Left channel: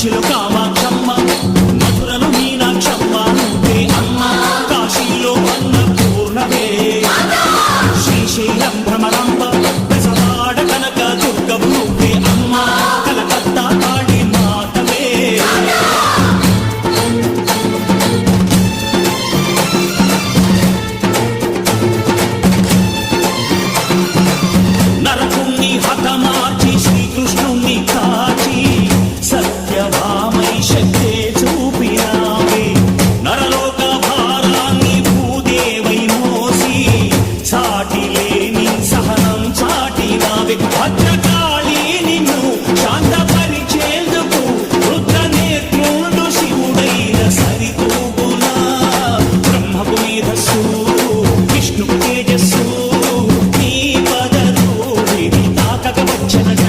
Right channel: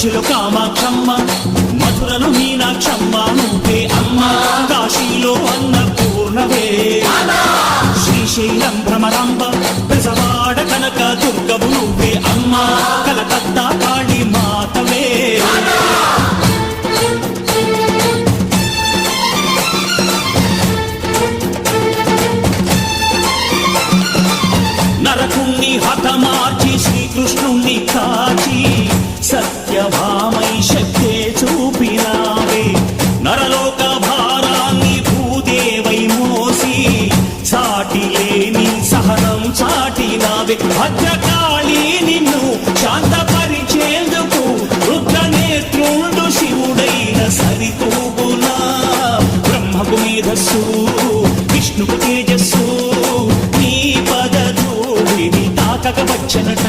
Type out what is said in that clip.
కంచిలో కామాక్షమ్మ, మధురలో మీనాక్షమ్మ నువ్వే అమ్మ, కాశీలో అన్నపూర్ణవే, శ్రీశైలం భ్రమరాంబ, బెజవాడ కనక దుర్గవు నువ్వే అమ్మ, కలకత్తా కాళీ మాతవే. నరకుణ్ణి హతమార్చి శ్రీకృష్ణుణ్ణి కాచి సత్యభామై శక్తే చూపినావే, నరలోక భారాన్ని భూదేవై మోసి సాటి లేని సహనం చాటినావే. భద్రకాళి నిన్ను శాంతపరిచేందుకు రుద్రనేత్రుండు శివుడైన సరితూగునా, బ్రహ్మకు మేధస్సు విష్ణుకు తేజస్సు నీ పదధూళిని తాకక వచ్చనట.